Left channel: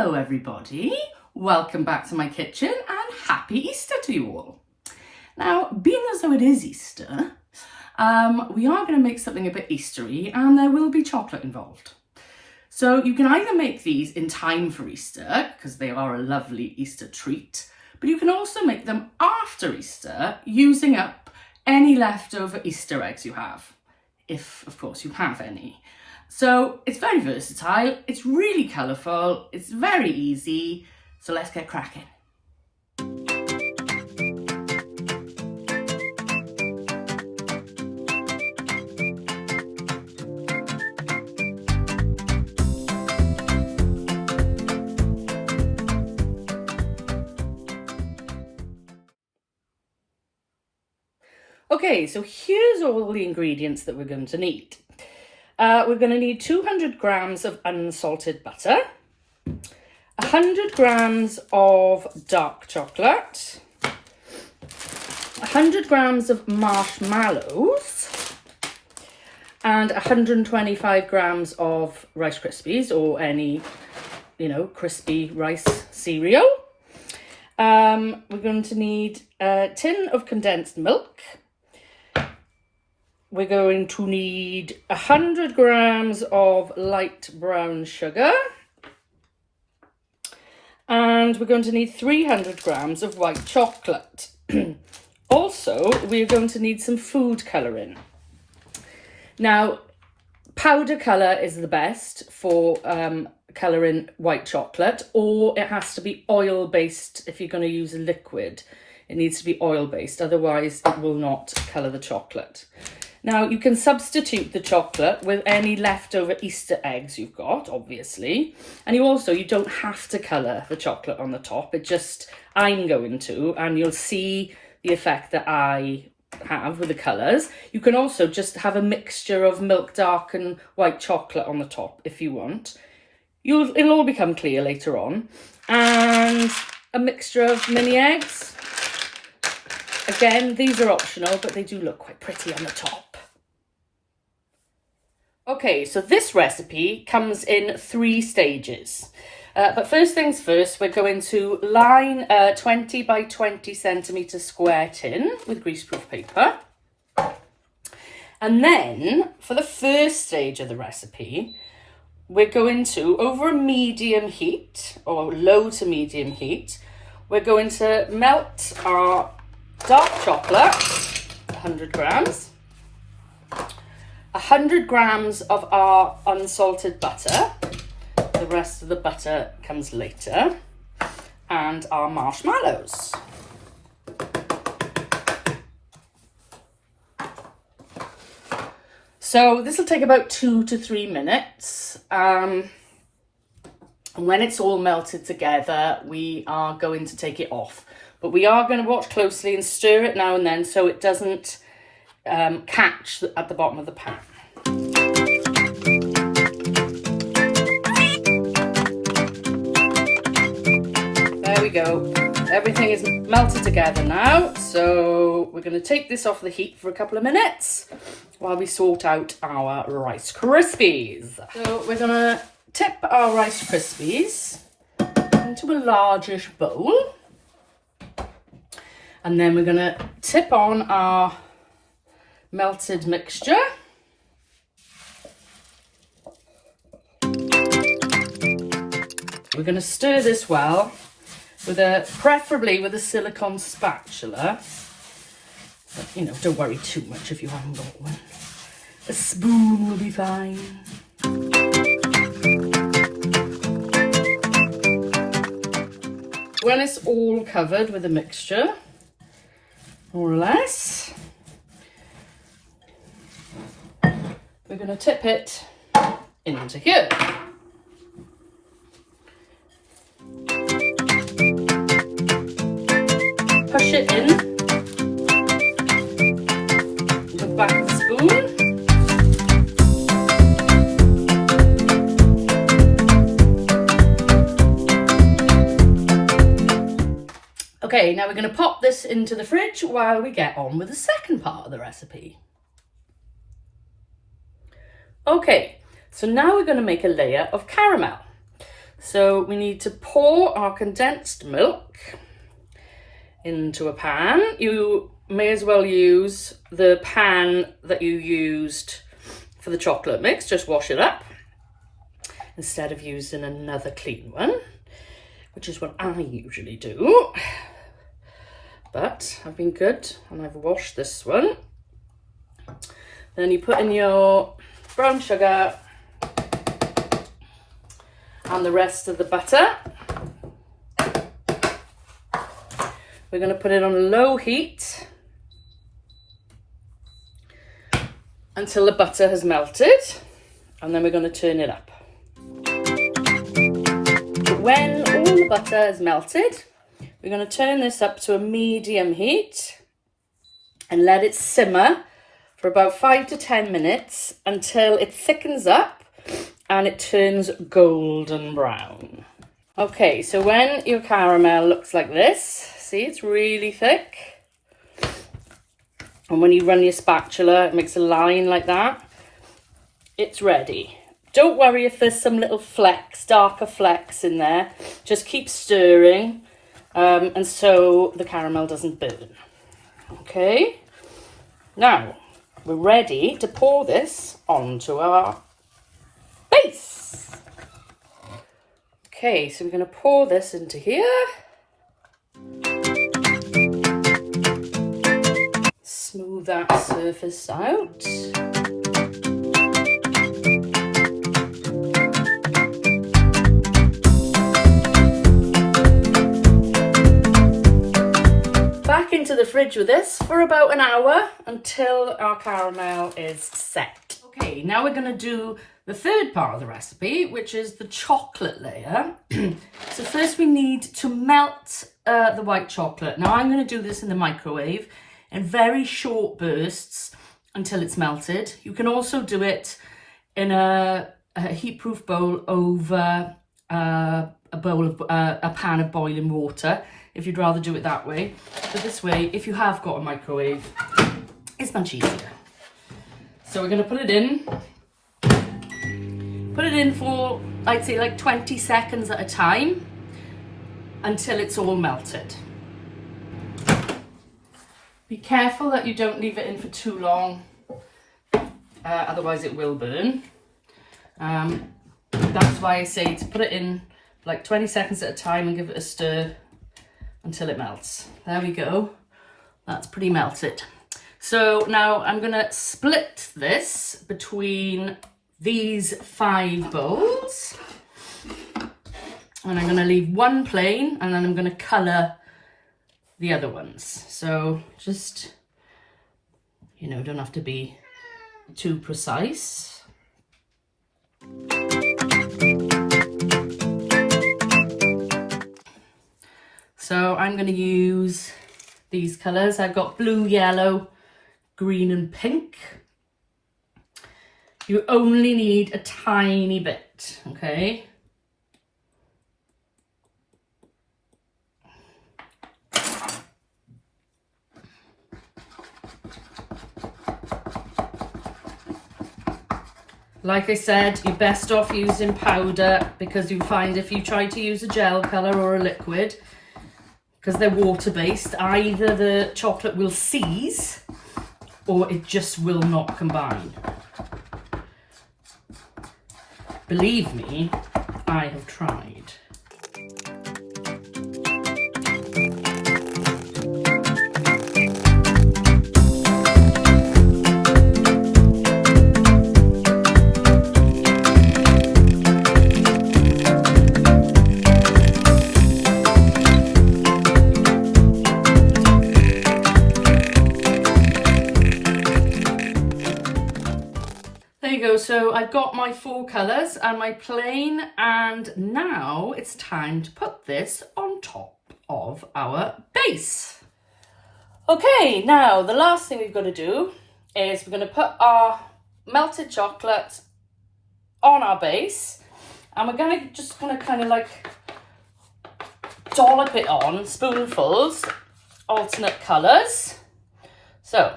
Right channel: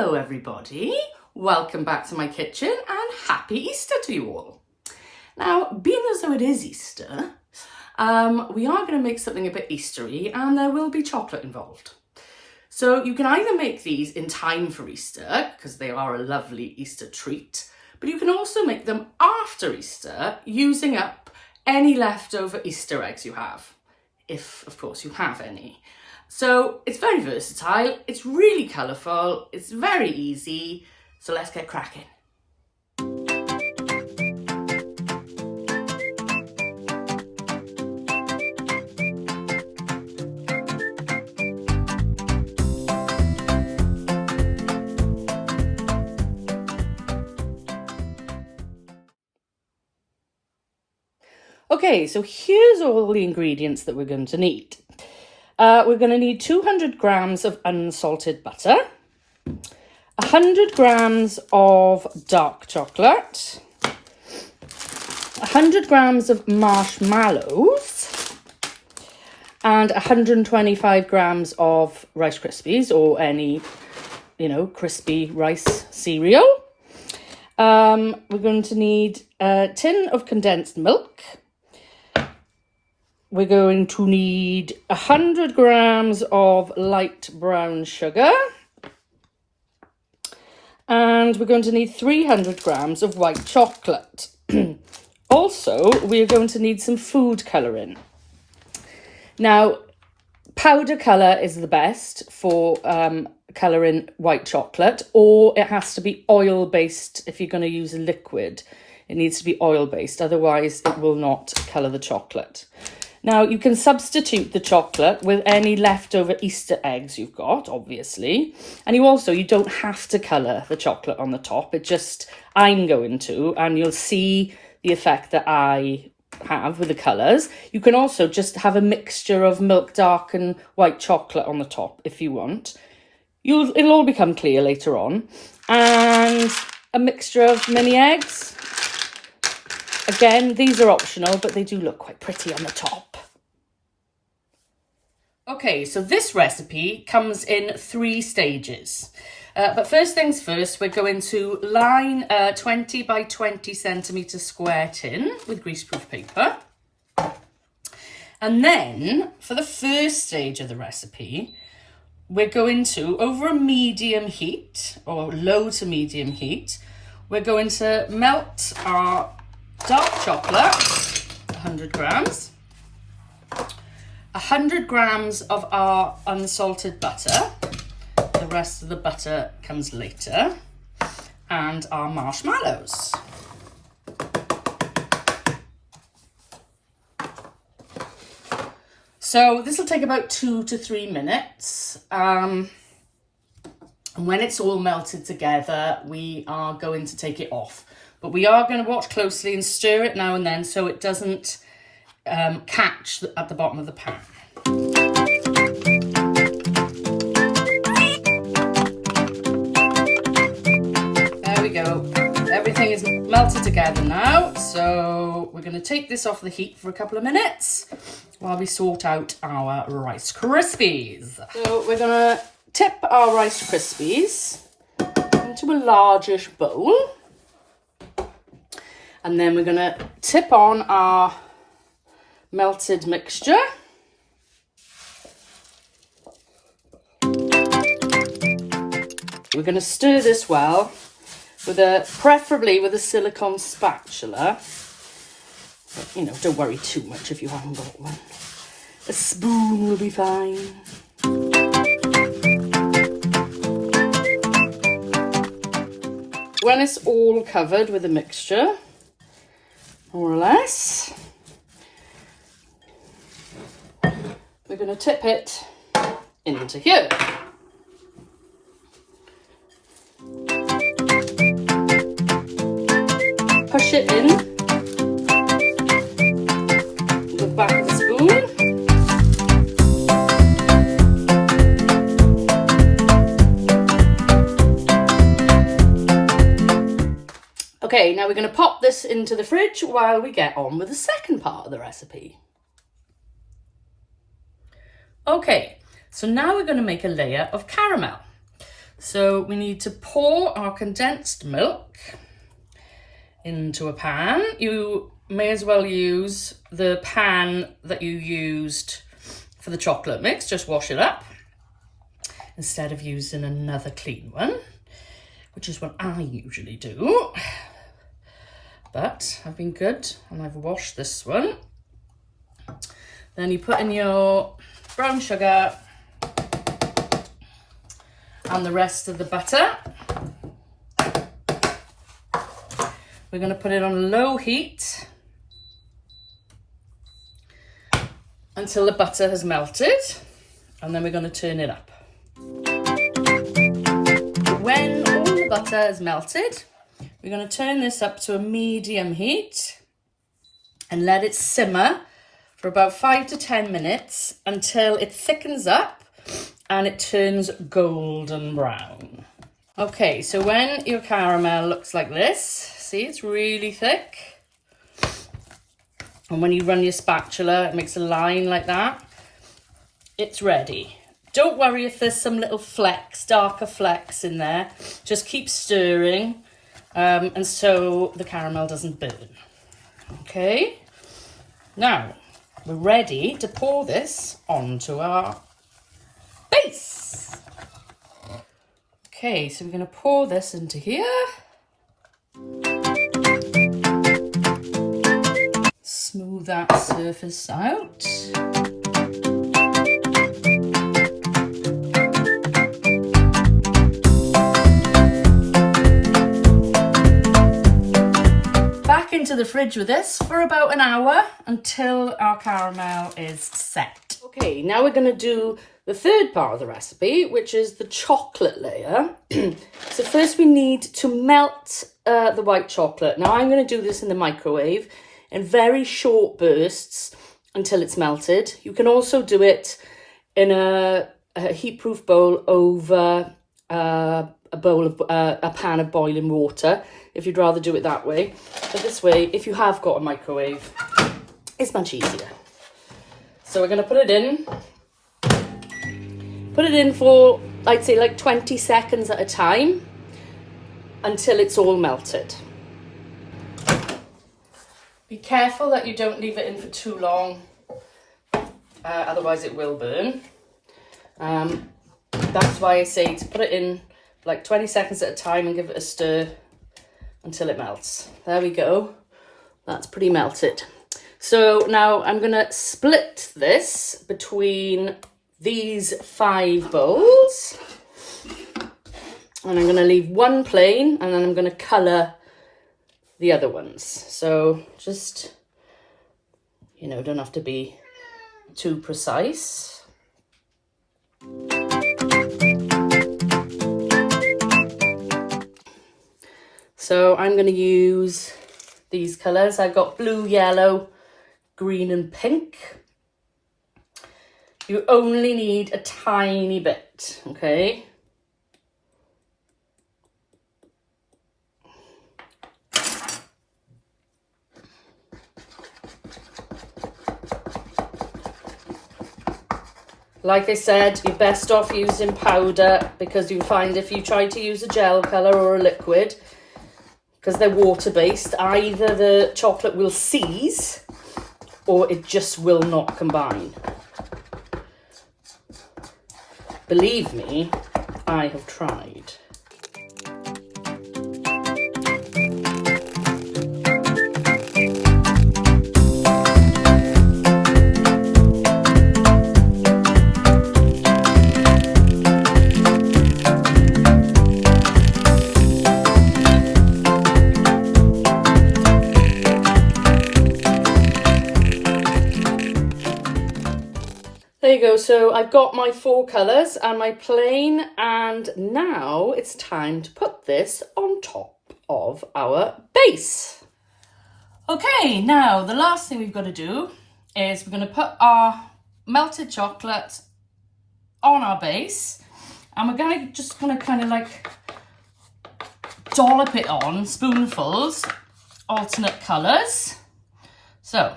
Hello everybody, welcome back to my kitchen and happy Easter to you all. Now, being as though it is Easter, we are going to make something a bit Eastery and there will be chocolate involved. So you can either make these in time for Easter, because they are a lovely Easter treat, but you can also make them after Easter using up any leftover Easter eggs you have, if of course you have any. So it's very versatile, it's really colourful, it's very easy, so let's get cracking. Okay, so here's all the ingredients that we're going to need. We're going to need 200 grams of unsalted butter, 100 grams of dark chocolate, 100 grams of marshmallows, and 125 grams of Rice Krispies or any, crispy rice cereal. We're going to need a tin of condensed milk. We're going to need 100 grams of light brown sugar. And we're going to need 300 grams of white chocolate. Also, we're going to need some food colouring. Now, powder colour is the best for colouring white chocolate, or it has to be oil-based if you're going to use a liquid. It needs to be oil-based, otherwise it will not colour the chocolate. Now, you can substitute the chocolate with any leftover Easter eggs you've got, obviously. And you don't have to colour the chocolate on the top. I'm going to, and you'll see the effect that I have with the colours. You can also just have a mixture of milk dark and white chocolate on the top if you want. It'll all become clear later on. And a mixture of mini eggs. Again, these are optional, but they do look quite pretty on the top. Okay, so this recipe comes in 3 stages. But first things first, we're going to line a 20 by 20 centimetre square tin with greaseproof paper. And then, for the first stage of the recipe, we're going to, over a medium heat, or low to medium heat, we're going to melt our dark chocolate, 100 grams, 100 grams of our unsalted butter, the rest of the butter comes later, and our marshmallows. So this will take about 2 to 3 minutes. And when it's all melted together, we are going to take it off. But we are going to watch closely and stir it now and then so it doesn't catch at the bottom of the pan. There we go. Everything is melted together now. So we're going to take this off the heat for a couple of minutes while we sort out our Rice Krispies. So we're going to tip our Rice Krispies into a largish bowl. And then we're going to tip on our melted mixture. We're going to stir this well, preferably with a silicone spatula. But, don't worry too much if you haven't got one. A spoon will be fine. When it's all covered with a mixture, more or less, we're going to tip it into here. Push it in with the back of the spoon. Okay, now we're going to pop this into the fridge while we get on with the second part of the recipe. Okay, so now we're going to make a layer of caramel. So we need to pour our condensed milk into a pan. You may as well use the pan that you used for the chocolate mix. Just wash it up instead of using another clean one, which is what I usually do. But I've been good and I've washed this one. Then you put in your brown sugar and the rest of the butter. We're going to put it on low heat until the butter has melted, and then we're going to turn it up. When all the butter is melted, we're going to turn this up to a medium heat and let it simmer for about 5 to 10 minutes until it thickens up and it turns golden brown. Okay, so when your caramel looks like this, see, it's really thick. And when you run your spatula, it makes a line like that. It's ready. Don't worry if there's some little flecks, darker flecks in there. Just keep stirring, and so the caramel doesn't burn. Okay, now we're ready to pour this onto our base. Okay, so we're going to pour this into here. Smooth that surface out. Back into the fridge with this for about an hour until our caramel is set. Okay, now we're going to do the third part of the recipe, which is the chocolate layer. So first we need to melt the white chocolate. Now I'm going to do this in the microwave in very short bursts until it's melted. You can also do it in a heat-proof bowl over a pan of boiling water, if you'd rather do it that way. But this way, if you have got a microwave, it's much easier. So we're going to put it in. Put it in for, I'd say, like 20 seconds at a time until it's all melted. Be careful that you don't leave it in for too long, otherwise it will burn. That's why I say to put it in like 20 seconds at a time and give it a stir until it melts. There we go. That's pretty melted. So now I'm going to split this between these 5 bowls. And I'm going to leave one plain, and then I'm going to colour the other ones. So just, don't have to be too precise. So I'm going to use these colours. I've got blue, yellow, green and pink. You only need a tiny bit, okay? Like I said, you're best off using powder, because you find if you try to use a gel colour or a liquid, because they're water-based, either the chocolate will seize or it just will not combine. Believe me, I have tried. There you go, so I've got my 4 colours and my plain, and now it's time to put this on top of our base. Okay, now the last thing we've got to do is we're going to put our melted chocolate on our base, and we're going to just kind of like dollop it on, spoonfuls, alternate colours. So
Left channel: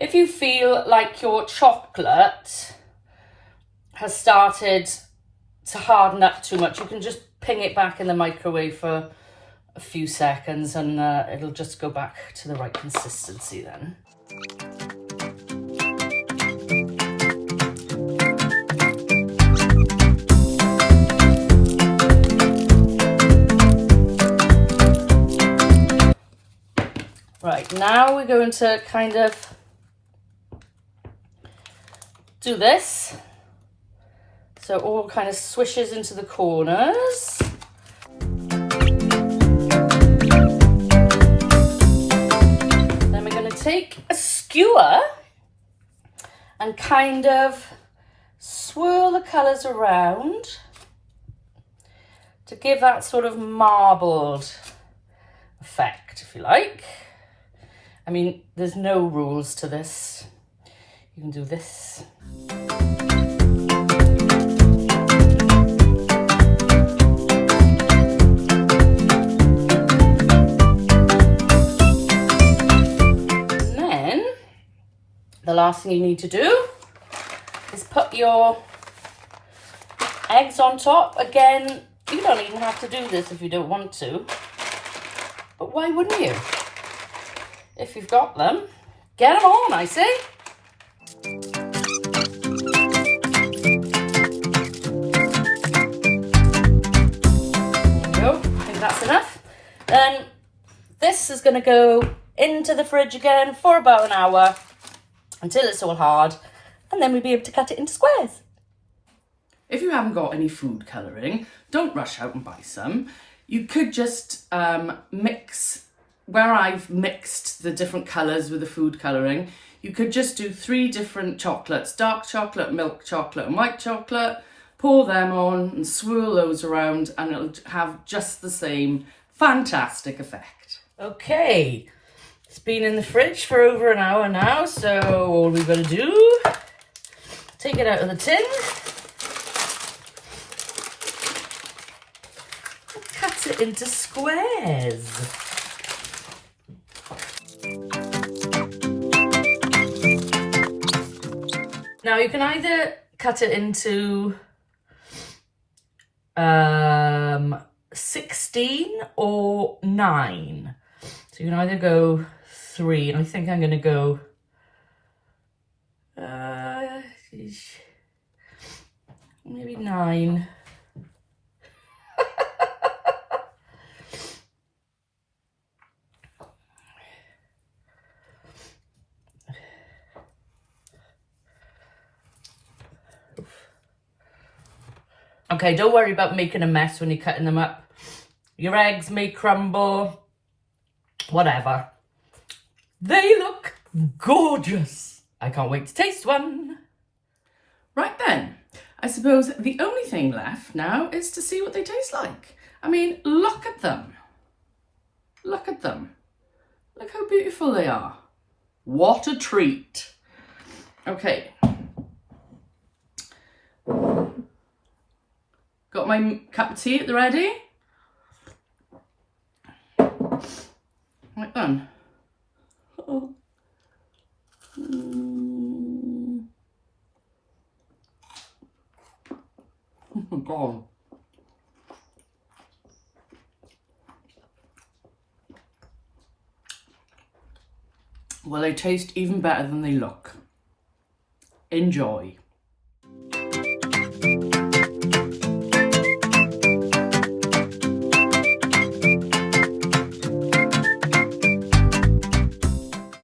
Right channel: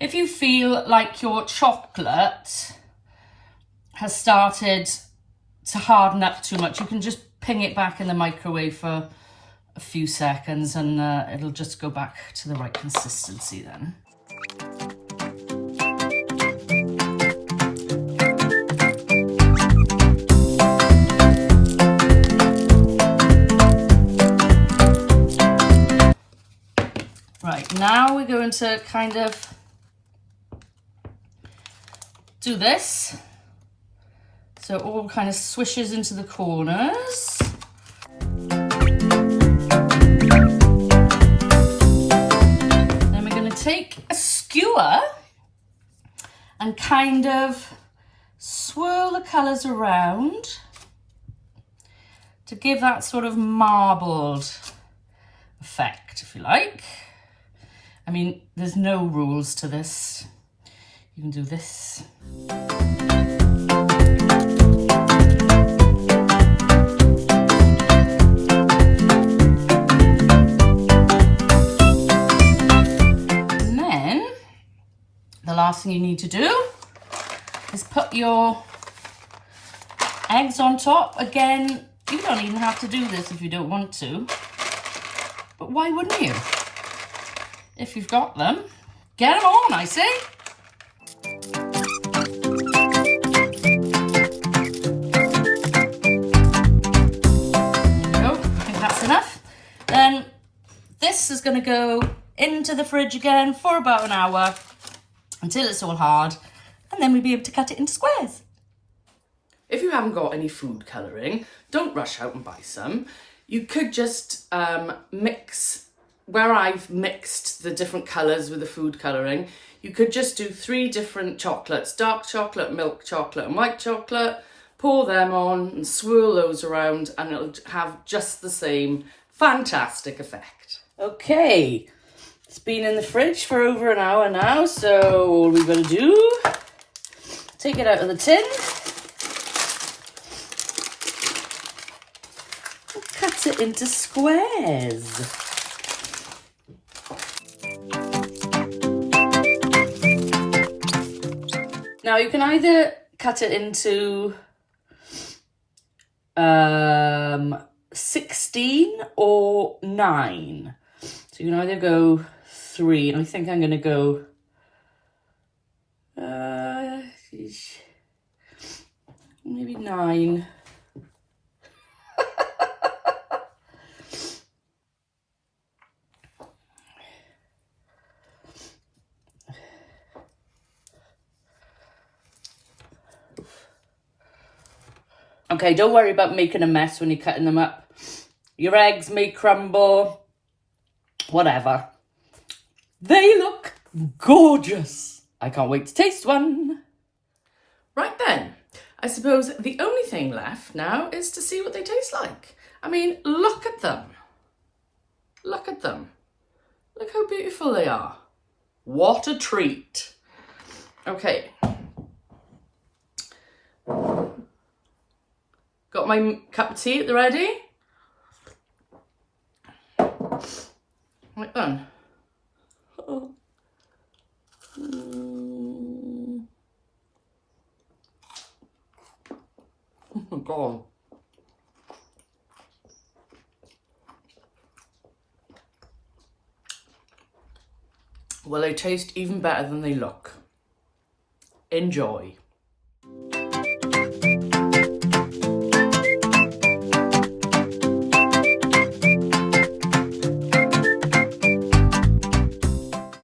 if you feel like your chocolate has started to harden up too much, you can just ping it back in the microwave for a few seconds and it'll just go back to the right consistency then. Right, now we're going to kind of do this. So it all kind of swishes into the corners. Then we're going to take a skewer and kind of swirl the colours around to give that sort of marbled effect, if you like. I mean, there's no rules to this. You can do this. And then, the last thing you need to do is put your eggs on top. Again, you don't even have to do this if you don't want to. But why wouldn't you? If you've got them, get them on, I say. There you go, I think that's enough. Then this is going to go into the fridge again for about an hour until it's all hard, and then we'll be able to cut it into squares. If you haven't got any food colouring, don't rush out and buy some. You could just mix, where I've mixed the different colours with the food colouring, you could just do 3 different chocolates, dark chocolate, milk chocolate and white chocolate, pour them on and swirl those around and it'll have just the same fantastic effect. Okay, it's been in the fridge for over an hour now, so all we've got to do, take it out of the tin, and cut it into squares. Now you can either cut it into 16 or 9. So you can either go 3, and I think I'm going to go maybe 9. Okay, don't worry about making a mess when you're cutting them up. Your eggs may crumble, whatever. They look gorgeous. I can't wait to taste one. Right then, I suppose the only thing left now is to see what they taste like. I mean, look at them. Look at them. Look how beautiful they are. What a treat. Okay. Got my cup of tea at the ready. Right then. Oh. Oh my God. Well, they taste even better than they look. Enjoy.